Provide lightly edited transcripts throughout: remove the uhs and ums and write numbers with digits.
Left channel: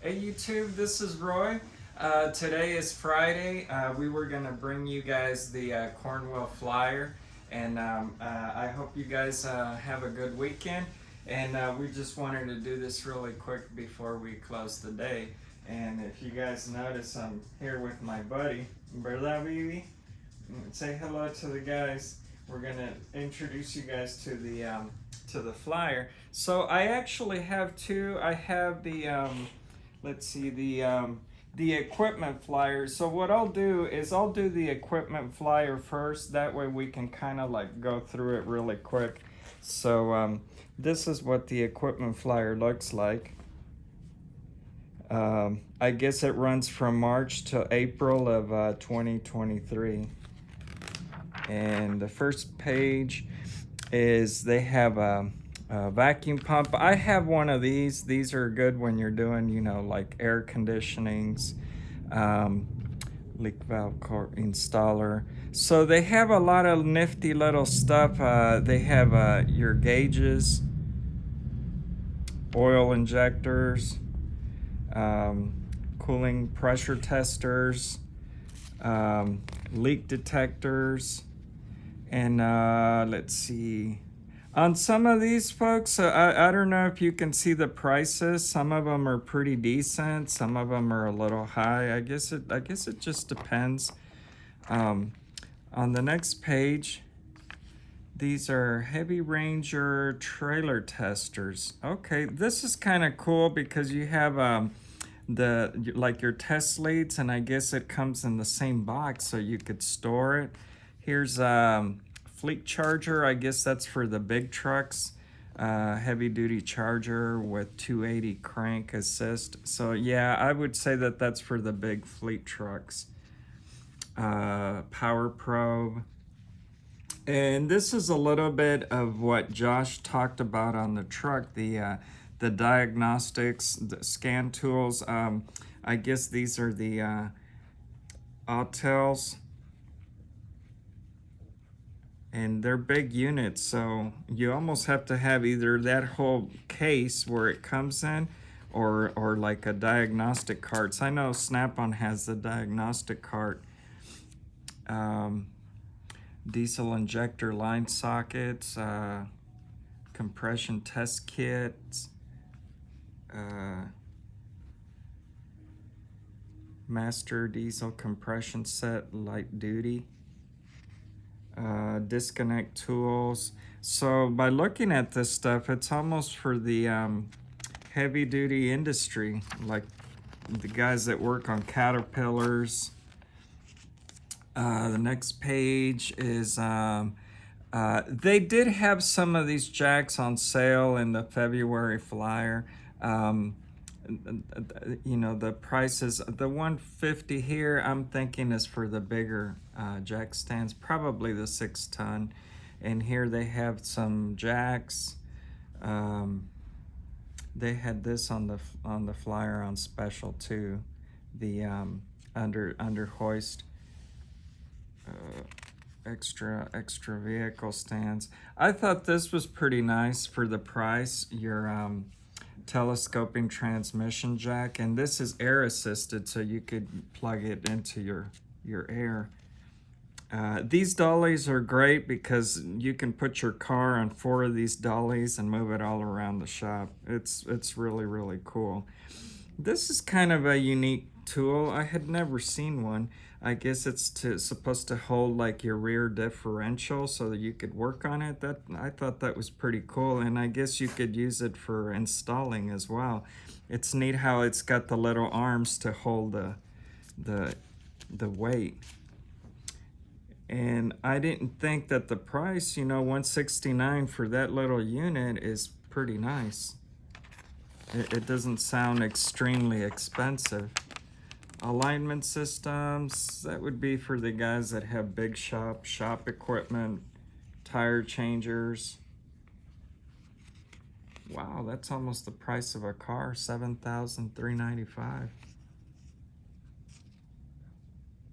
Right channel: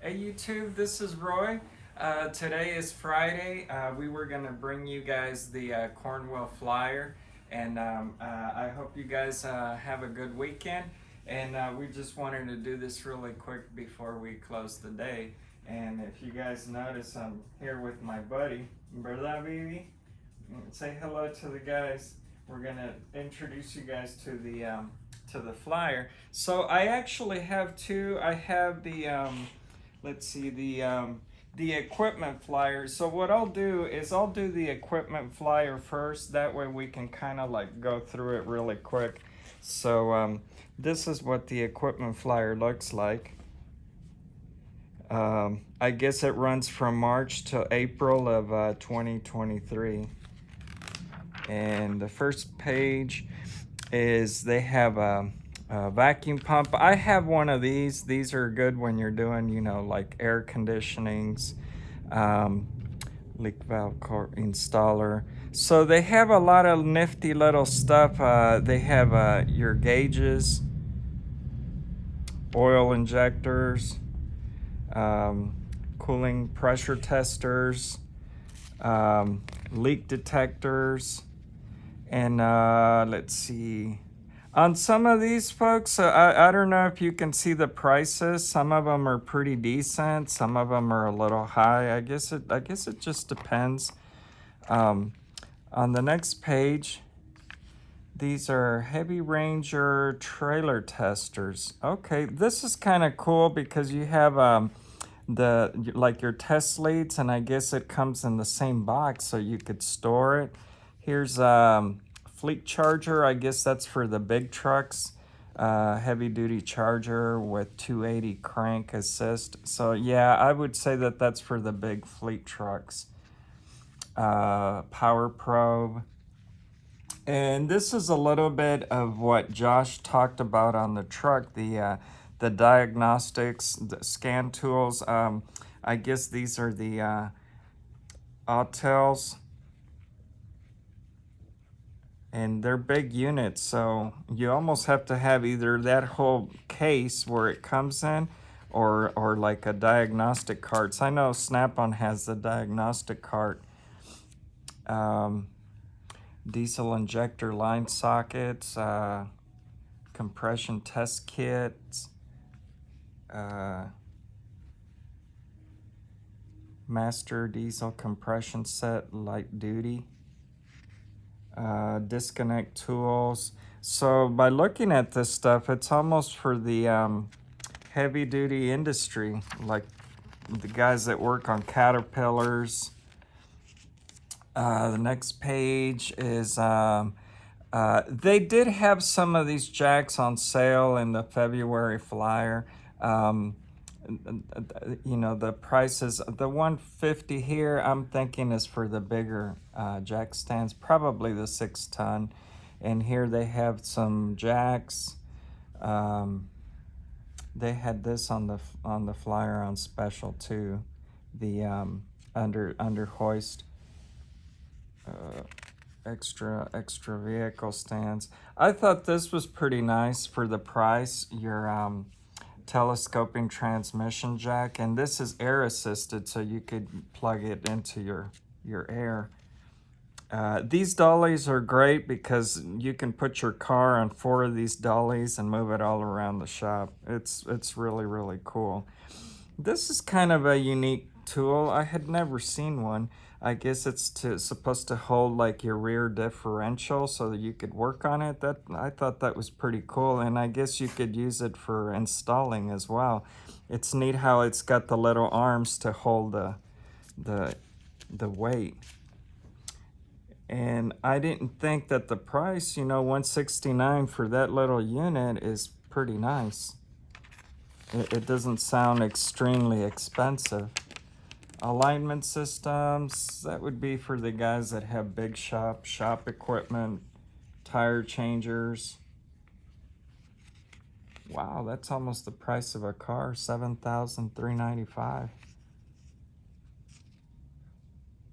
Hey YouTube, this is Roy. Today is Friday. We were going to bring you guys the Cornwell flyer, and I hope you guys have a good weekend. And we just wanted to do this really quick before we close the day. And if you guys notice, I'm here with my buddy, ¿verdad, baby? Say hello to the guys. We're gonna introduce you guys to the flyer. So I actually have two. I have the let's see the equipment flyer. So what I'll do is I'll do the equipment flyer first. That way we can kind of like go through it really quick. So this is what the equipment flyer looks like. I guess it runs from March to April of 2023. And the first page is they have a vacuum pump. I have one of these. These are good when you're doing, like air conditionings, leak valve installer. So they have a lot of nifty little stuff. They have your gauges, oil injectors, cooling pressure testers, leak detectors, and let's see. On some of these folks, I don't know if you can see the prices. Some of them are pretty decent. Some of them are a little high. I guess it just depends. On the next page, these are Heavy Ranger trailer testers. Okay, this is kind of cool because you have like your test leads, and I guess it comes in the same box so you could store it. Here's fleet charger. I guess that's for the big trucks. Heavy duty charger with 280 crank assist. So yeah, I would say that that's for the big fleet trucks. Power probe. And this is a little bit of what Josh talked about on the truck, the diagnostics, the scan tools. I guess these are the Autels, and they're big units, so you almost have to have either that whole case where it comes in, or like a diagnostic cart. So I know Snap-on has the diagnostic cart. Diesel injector line sockets, compression test kits, master diesel compression set light duty, disconnect tools. So by looking at this stuff, it's almost for the heavy duty industry, like the guys that work on Caterpillars. The next page is they did have some of these jacks on sale in the February flyer. The prices, the 150 here, I'm thinking is for the bigger jack stands, probably the 6-ton. And here they have some jacks. They had this on the flyer on special too, the under hoist. Extra vehicle stands. I thought this was pretty nice for the price. Your telescoping transmission jack, and this is air assisted, so you could plug it into your air. These dollies are great because you can put your car on 4 of these dollies and move it all around the shop. It's really cool. This is kind of a unique tool. I had never seen one. I guess it's supposed to hold like your rear differential so that you could work on it. That I thought that was pretty cool, and I guess you could use it for installing as well. It's neat how it's got the little arms to hold the weight. And I didn't think that the price, $169 for that little unit is pretty nice. It doesn't sound extremely expensive. Alignment systems, that would be for the guys that have big shop equipment, tire changers. Wow, that's almost the price of a car, $7,395.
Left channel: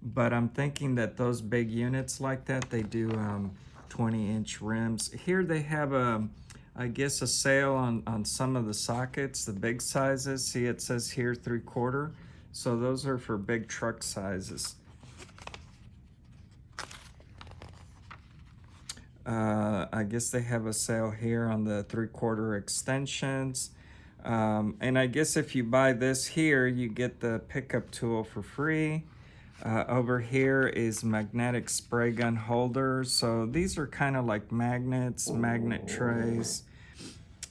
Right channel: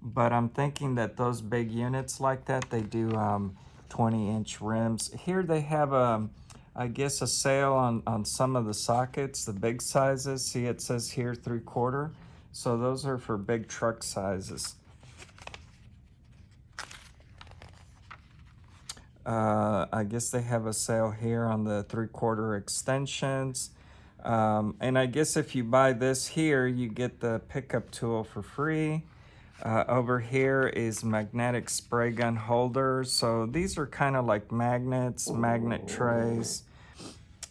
But I'm thinking that those big units like that, they do 20-inch rims. Here they have I guess a sale on some of the sockets, the big sizes. See, it says here 3/4. So those are for big truck sizes. I guess they have a sale here on the 3/4 extensions. And I guess if you buy this here, you get the pickup tool for free. Over here is magnetic spray gun holders. So these are kind of like magnets, magnet trays,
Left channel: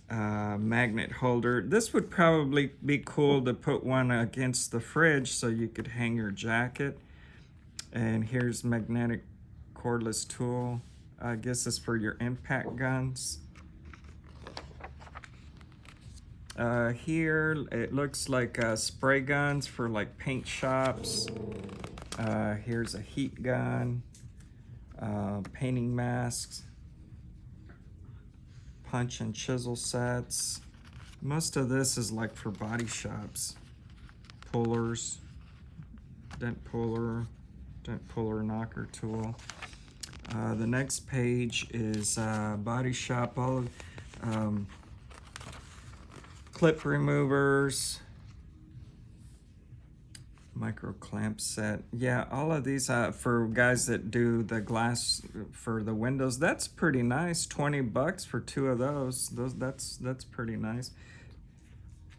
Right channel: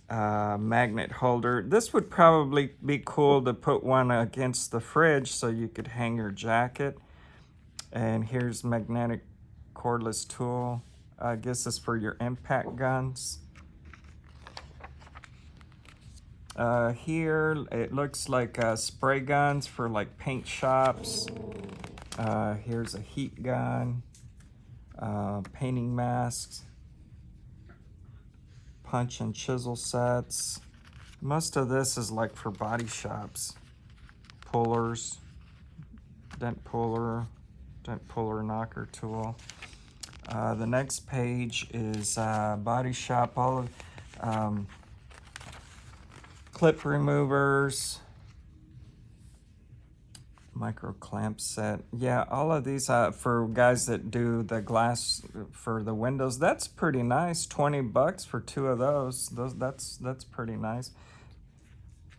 magnet holder. This would probably be cool to put one against the fridge so you could hang your jacket. And here's magnetic cordless tool. I guess it's for your impact guns. Here it looks like spray guns for like paint shops. Here's a heat gun, painting masks, punch and chisel sets. Most of this is like for body shops. Pullers, dent puller knocker tool. The next page is body shop, all of clip removers, micro clamp set. Yeah, all of these for guys that do the glass for the windows. That's pretty nice. $20 for 2 of those. That's pretty nice.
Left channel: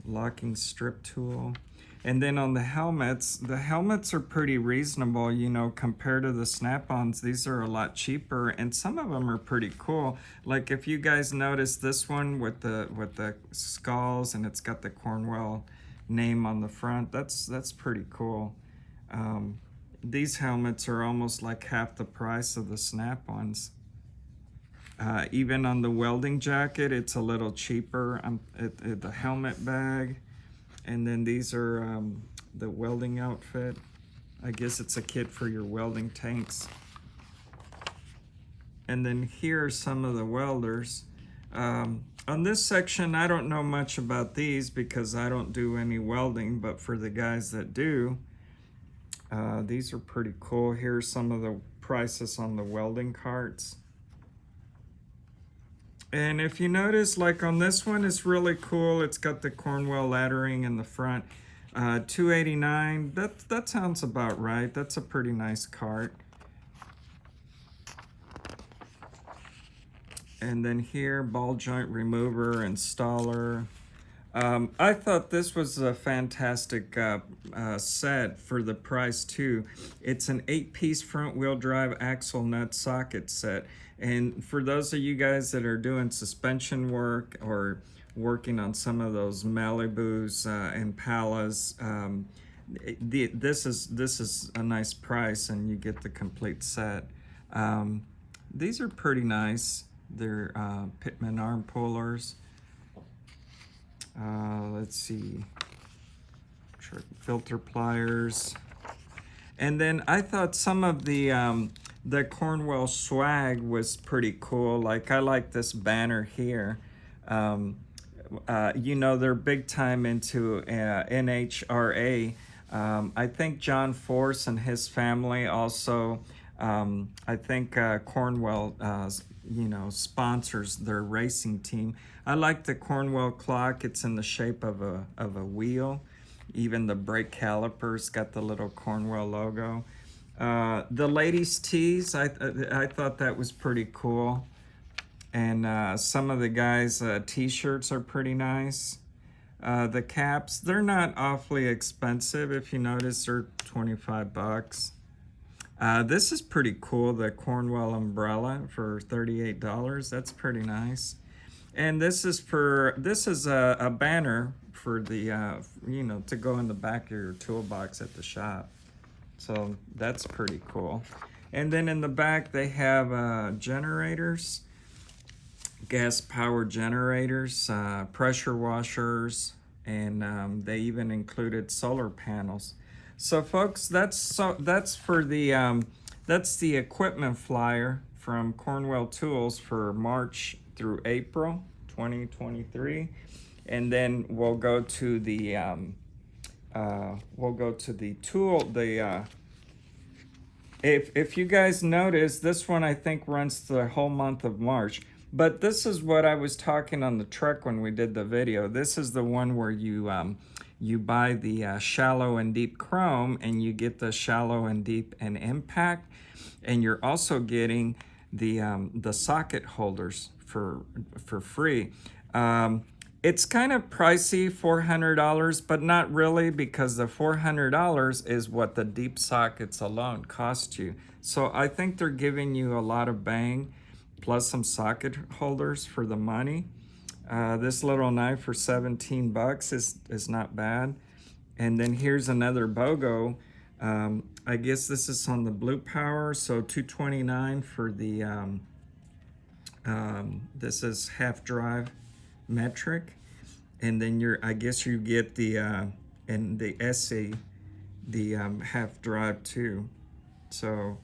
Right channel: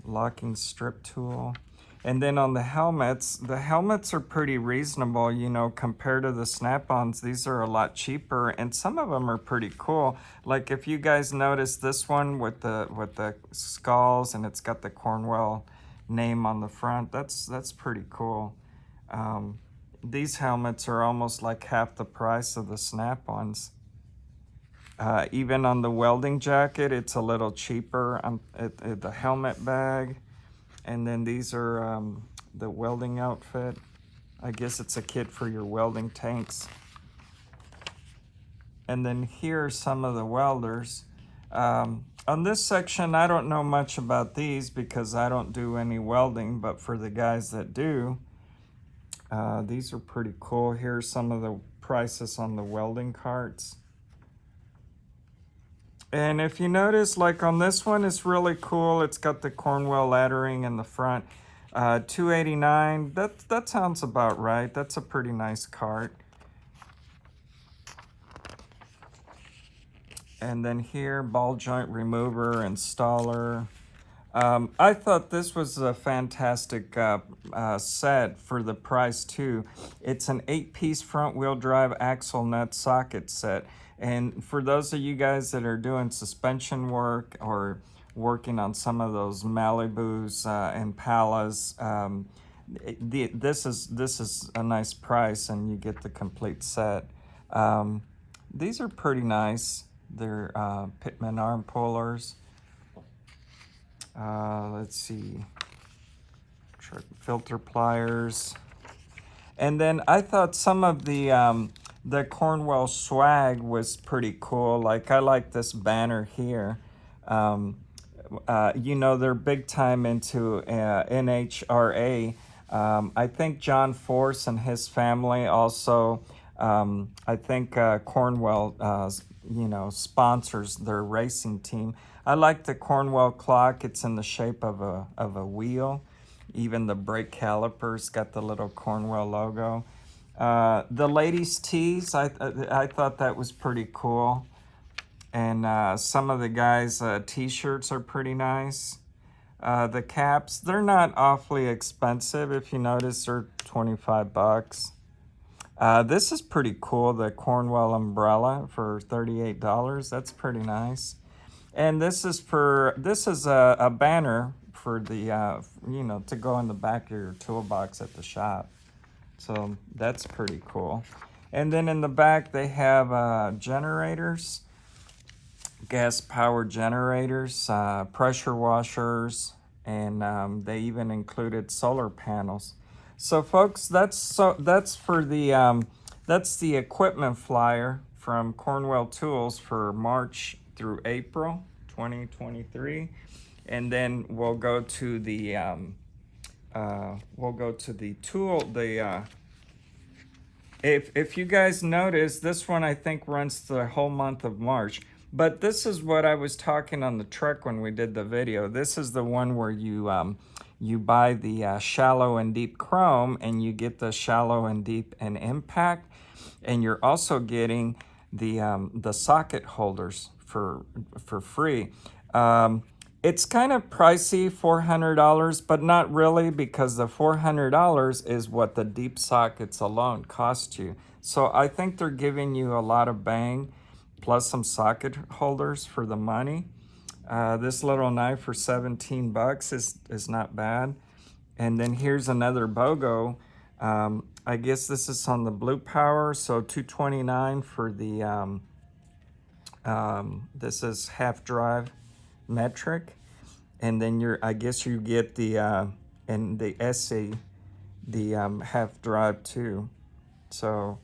Locking strip tool. And then on the helmets are pretty reasonable, you know, compared to the snap-ons. These are a lot cheaper, and some of them are pretty cool. Like if you guys notice this one with the skulls, and it's got the Cornwell name on the front. That's pretty cool. These helmets are almost like half the price of the snap-ons. Even on the welding jacket, it's a little cheaper. The helmet bag. And then these are the welding outfit. I guess it's a kit for your welding tanks. And then here are some of the welders. On this section, I don't know much about these because I don't do any welding, but for the guys that do, these are pretty cool. Here's some of the prices on the welding carts. And if you notice, like on this one, it's really cool. It's got the Cornwell lettering in the front. $2.89. That sounds about right. That's a pretty nice cart. And then here, ball joint remover, installer. I thought this was a fantastic set for the price too. It's an 8-piece front wheel drive axle nut socket set. And for those of you guys that are doing suspension work or working on some of those Malibus, Impalas, this is a nice price, and you get the complete set. These are pretty nice. They're Pitman arm pullers. Let's see, filter pliers. And then I thought some of the Cornwell swag was pretty cool. Like I like this banner here. You know, they're big time into NHRA. I think John Force and his family also, I think Cornwell, you know, sponsors their racing team. I like the Cornwell clock. It's in the shape of a wheel. Even the brake calipers got the little Cornwell logo. The ladies' tees, I thought that was pretty cool. And some of the guys' t-shirts are pretty nice. The caps, they're not awfully expensive. If you notice, they're $25. This is pretty cool, the Cornwell umbrella for $38. That's pretty nice. And this is a banner for the, you know, to go in the back of your toolbox at the shop. So that's pretty cool. And then in the back, they have generators, gas power generators, pressure washers, and they even included solar panels. So folks, that's for the that's the equipment flyer from Cornwell Tools for March through April 2023, and then we'll go to the tool. If you guys notice, this one I think runs the whole month of March. But this is what I was talking on the truck when we did the video. This is the one where you buy the shallow and deep chrome, and you get the shallow and deep and impact, and you're also getting the socket holders for free. It's kind of pricey, $400, but not really, because the $400 is what the deep sockets alone cost you. So I think they're giving you a lot of bang, plus some socket holders for the money. This little knife for 17 bucks is not bad. And then here's another BOGO. I guess this is on the Blue Power, so $229 for the, this is half drive metric. And then I guess you get the, and the SE, the half drive too. So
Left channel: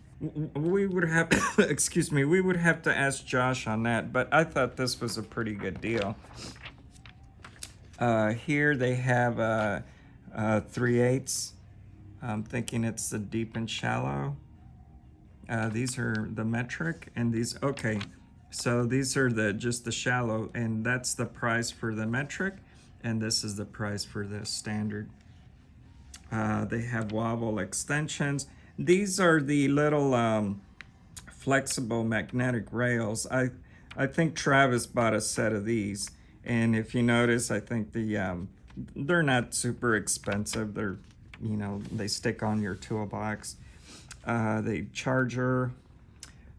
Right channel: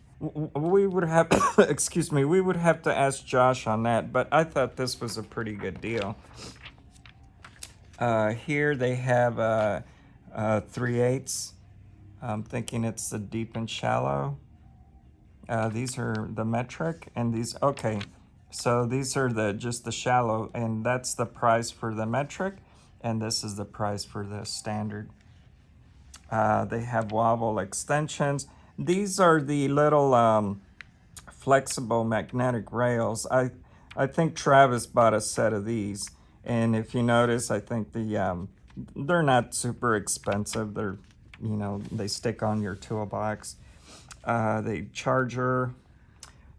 we would have, excuse me, we would have to ask Josh on that, but I thought this was a pretty good deal. Here they have 3/8. I'm thinking it's the deep and shallow. These are the metric, and these, okay. So these are just the shallow, and that's the price for the metric, and this is the price for the standard. They have wobble extensions. These are the little flexible magnetic rails. I think Travis bought a set of these, and if you notice, I think they're not super expensive. They're, you know, they stick on your toolbox. The charger,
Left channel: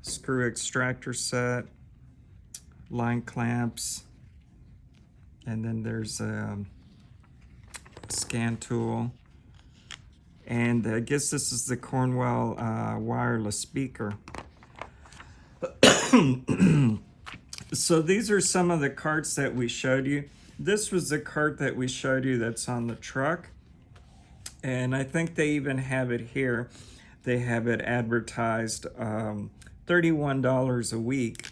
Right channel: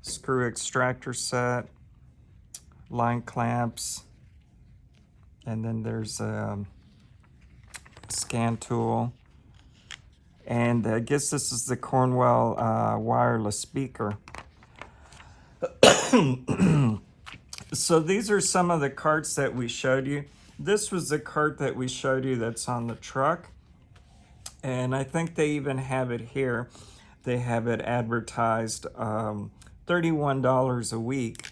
screw extractor set, line clamps, and then there's a scan tool. And I guess this is the Cornwell wireless speaker. So these are some of the carts that we showed you. This was the cart that we showed you that's on the truck. And I think they even have it here. They have it advertised $31 a week.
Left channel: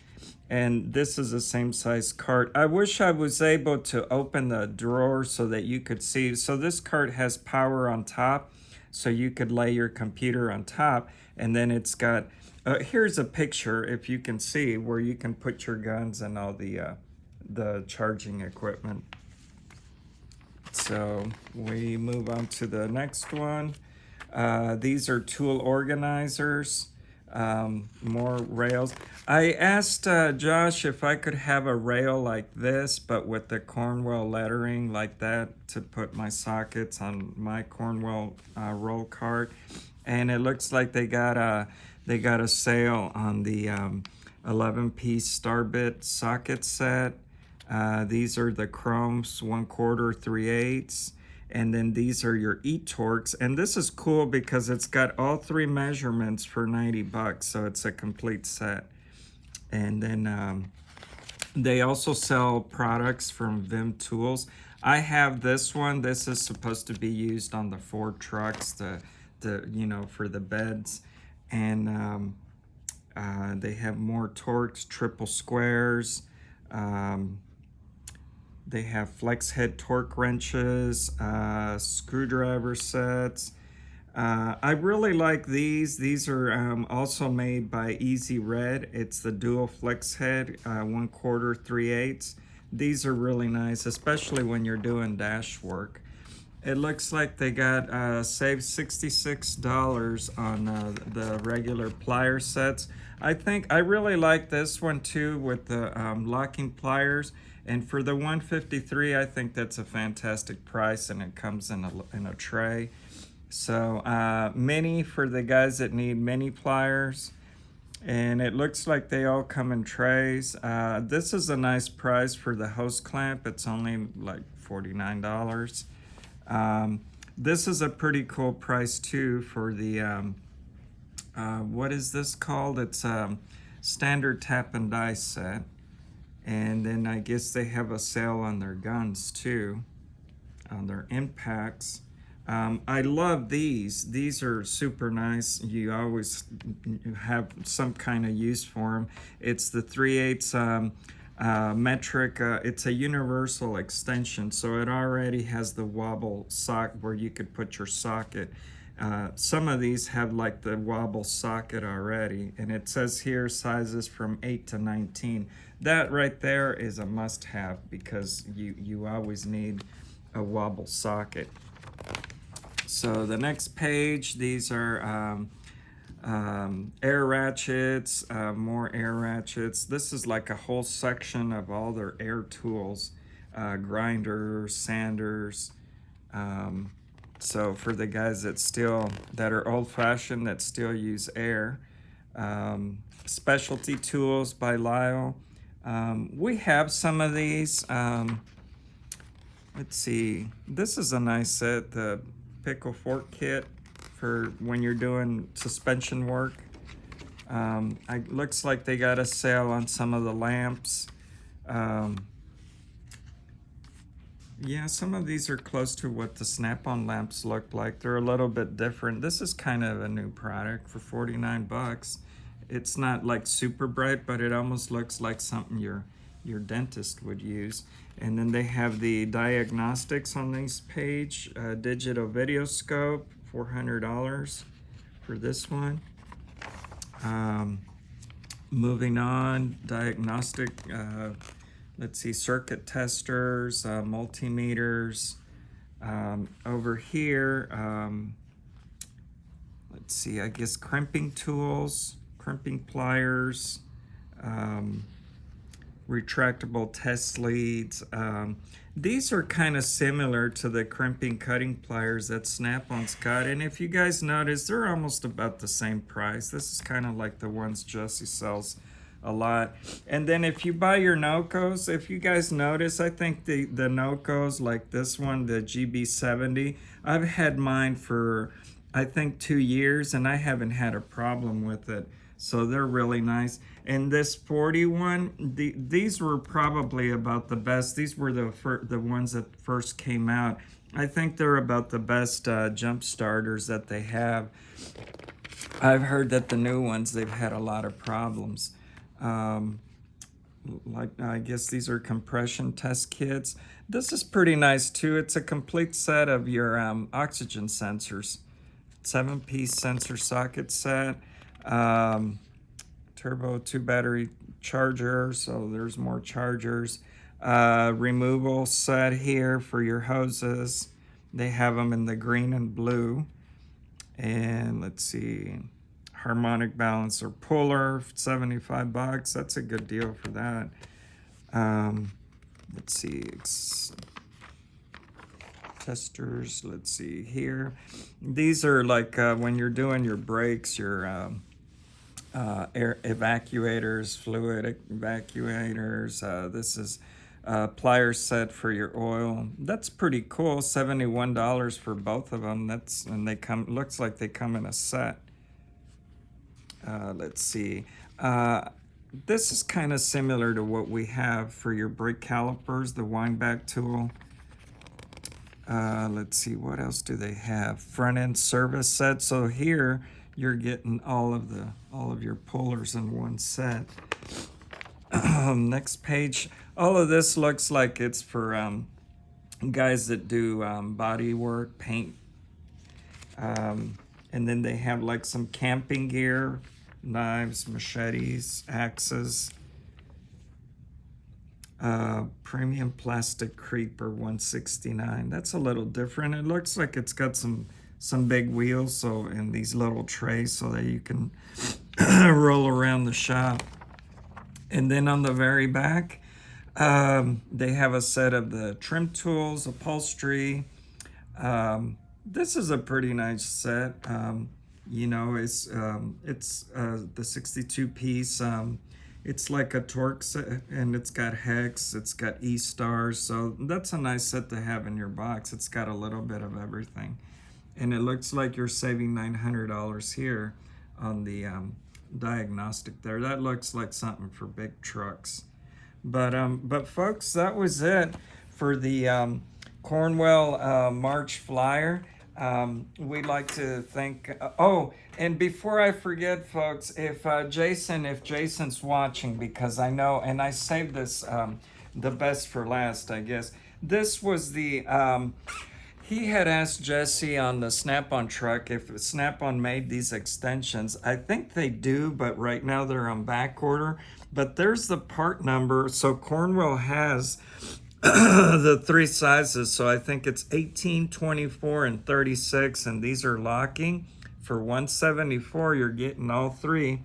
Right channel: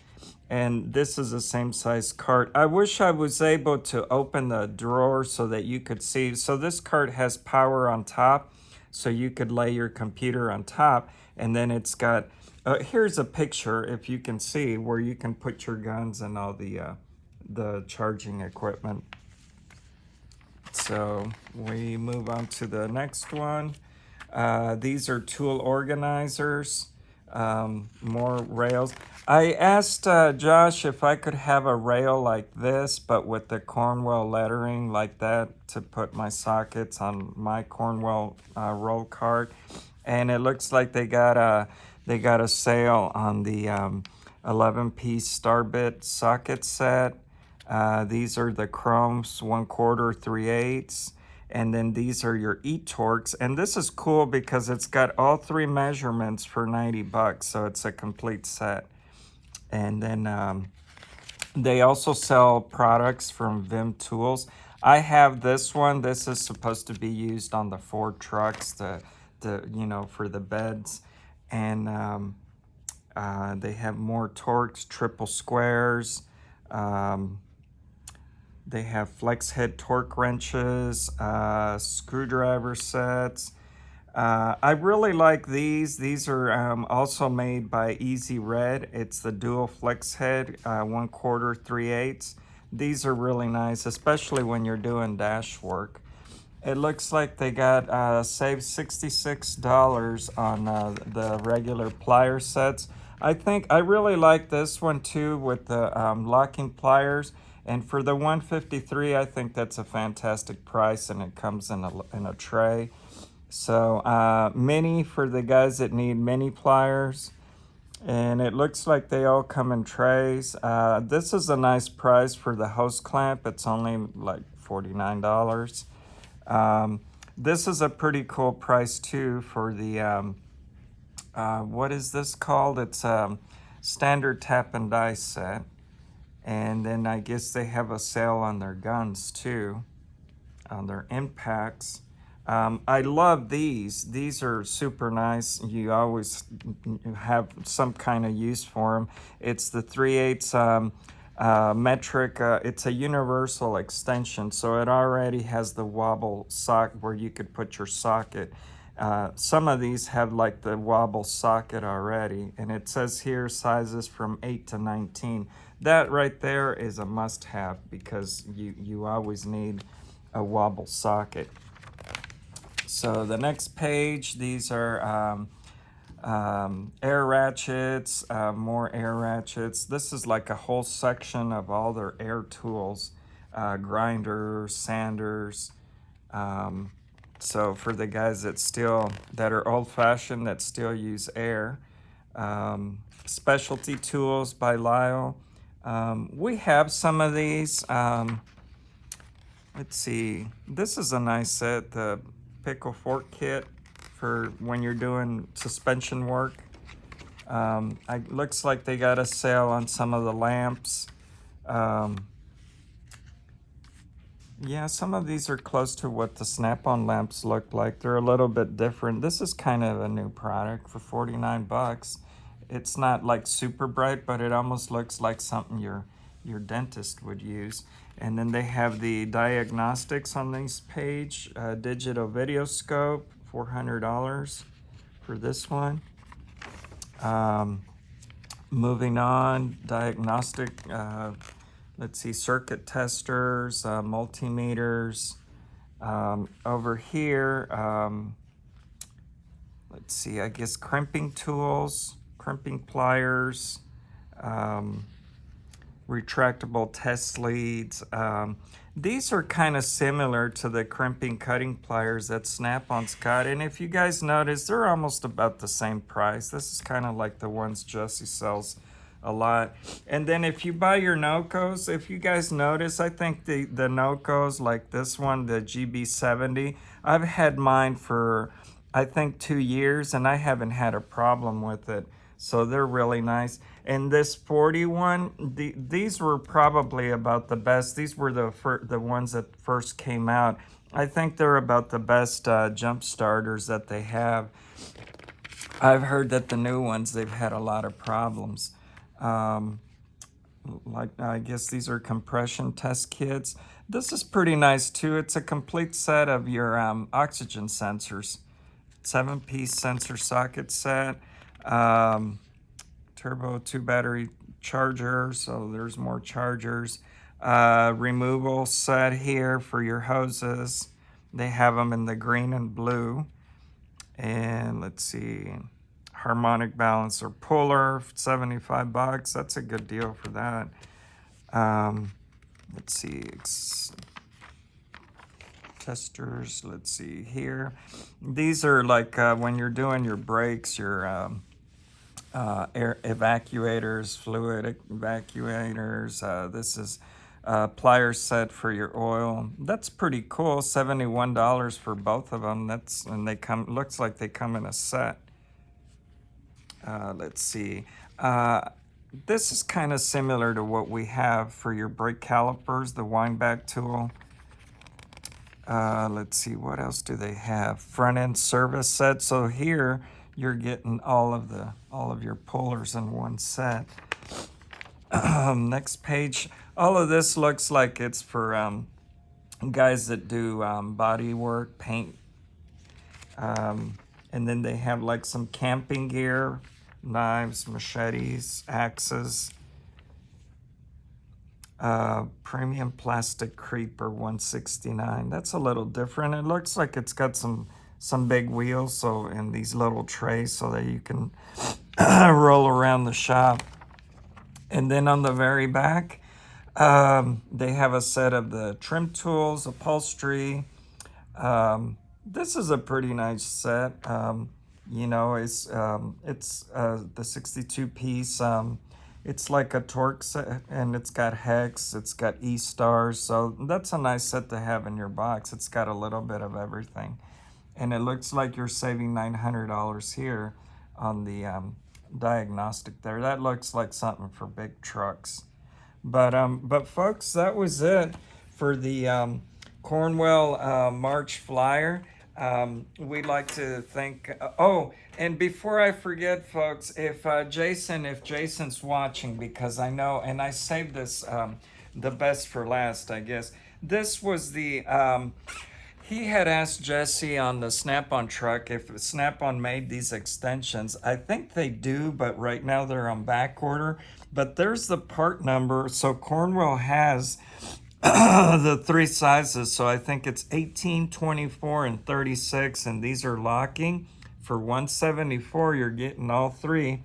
And this is the same size cart. I wish I was able to open the drawer so that you could see. So this cart has power on top, so you could lay your computer on top. And then it's got, here's a picture, if you can see, where you can put your guns and all the charging equipment. So we move on to the next one. These are tool organizers, more rails. I asked Josh if I could have a rail like this, but with the Cornwell lettering like that, to put my sockets on my Cornwell roll cart. And it looks like they got a sale on the 11-piece star bit socket set. These are the chromes, 1/4, 3/8. And then these are your e-torques. And this is cool because it's got all three measurements for 90 bucks. So it's a complete set. And then they also sell products from Vim Tools. I have this one. This is supposed to be used on the Ford trucks, you know, for the beds. And they have more torques, triple squares. They have flex head torque wrenches, screwdriver sets. I really like these. These are also made by Easy Red. It's the dual flex head, 1/4, 3/8. These are really nice, especially when you're doing dash work. It looks like they got saved $66 on the regular plier sets. I really like this one too, with the locking pliers. And for the $153, I think that's a fantastic price, and it comes in a tray. So mini for the guys that need mini pliers. And it looks like they all come in trays. This is a nice price for the hose clamp. It's only like $49. This is a pretty cool price too for the, what is this called? It's standard tap and die set. And then I guess they have a sale on their guns too, on their impacts. I love these. These are super nice. You always have some kind of use for them. It's the 3/8 metric. It's a universal extension, so it already has the wobble sock where you could put your socket. Some of these have like the wobble socket already, and it says here sizes from 8 to 19. That right there is a must-have because you always need a wobble socket. So the next page, these are air ratchets, more air ratchets. This is like a whole section of all their air tools, grinders, sanders. So for the guys that are old-fashioned, that still use air. Specialty tools by Lyle. We have some of these. Let's see. This is a nice set, the pickle fork kit for when you're doing suspension work. Looks like they got a sale on some of the lamps. Yeah, some of these are close to what the Snap-on lamps look like. They're a little bit different. This is kind of a new product for 49 bucks. It's not like super bright, but it almost looks like something your dentist would use. And then they have the diagnostics on this page. Digital video scope, $400 for this one. Moving on, diagnostic, let's see, circuit testers, multimeters. Over here, let's see, I guess crimping tools, crimping pliers, retractable test leads. These are kind of similar to the crimping cutting pliers that Snap-on's got, and if you guys notice, they're almost about the same price. This is kind of like the ones Jesse sells a lot. And then if you buy your Nocos, if you guys notice, I think the Nocos, like this one, the GB70, I've had mine for I think 2 years and I haven't had a problem with it. So they're really nice. And this 41, these were probably about the best. These were the ones that first came out. I think they're about the best jump starters that they have. I've heard that the new ones, they've had a lot of problems. Like I guess these are compression test kits. This is pretty nice too. It's a complete set of your oxygen sensors. 7-piece sensor socket set. Turbo 2 battery charger, so there's more chargers. Removal set here for your hoses. They have them in the green and blue. And let's see, harmonic balancer puller, 75 bucks. That's a good deal for that. Let's see, testers, let's see here. These are like when you're doing your brakes, your air evacuators, fluid evacuators. This is pliers set for your oil. That's pretty cool. $71 for both of them. And they come. Looks like they come in a set. Let's see. This is kind of similar to what we have for your brake calipers, the wind back tool. Let's see, what else do they have? Front end service set. So here you're getting all of your pullers in one set. Next page. All of this looks like it's for guys that do body work, paint. And then they have like some camping gear, knives, machetes, axes. Premium plastic creeper, $169. That's a little different. It looks like it's got some big wheels, so in these little trays, so that you can roll around the shop. And then on the very back, they have a set of the trim tools, upholstery. This is a pretty nice set. You know, it's the 62-piece. It's like a torque set, and it's got hex, it's got E-stars, so that's a nice set to have in your box. It's got a little bit of everything. And it looks like you're saving $900 here on the diagnostic there. That looks like something for big trucks. But folks, that was it for the Cornwell March flyer. We'd like to thank, oh, and before I forget, folks, if Jason's watching, because I know, and I saved this, the best for last, I guess. This was He had asked Jesse on the Snap-on truck if Snap-on made these extensions. I think they do, but right now they're on back order. But there's the part number. So Cornwell has the three sizes. So I think it's 18, 24, and 36. And these are locking. For 174, you're getting all three.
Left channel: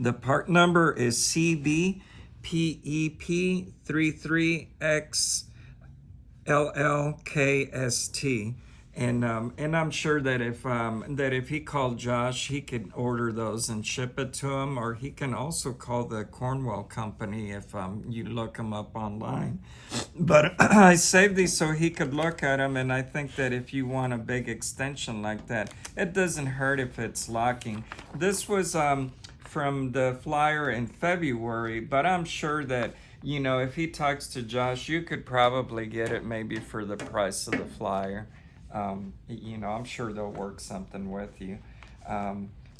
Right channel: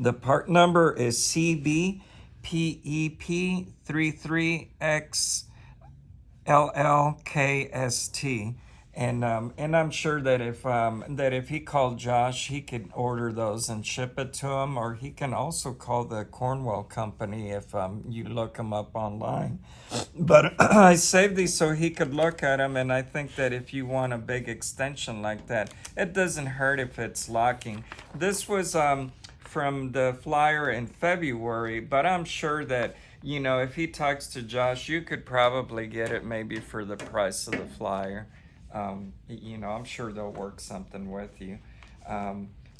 The part number is CBPEP33X. LLKST, and I'm sure that if he called Josh, he could order those and ship it to him, or he can also call the Cornwell company if you look them up online. But I saved these so he could look at them, and I think that if you want a big extension like that, it doesn't hurt if it's locking. This was from the flyer in February, but I'm sure that, you know, if he talks to Josh, you could probably get it maybe for the price of the flyer. You know, I'm sure they'll work something with you.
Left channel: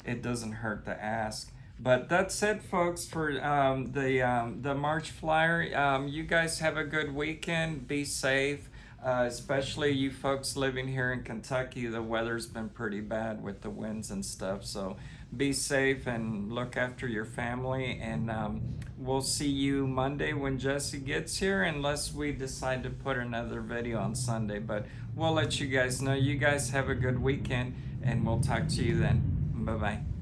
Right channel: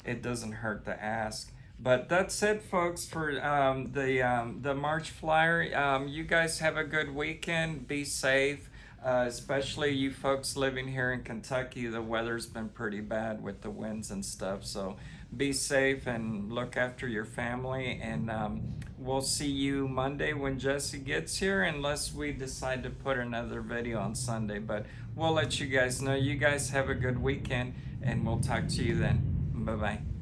It doesn't hurt to ask. But that's it, folks, for the March flyer. You guys have a good weekend. Be safe. Especially you folks living here in Kentucky, the weather's been pretty bad with the winds and stuff. So be safe and look after your family. And we'll see you Monday when Jesse gets here, unless we decide to put another video on Sunday. But we'll let you guys know. You guys have a good weekend, and we'll talk to you then. Bye-bye.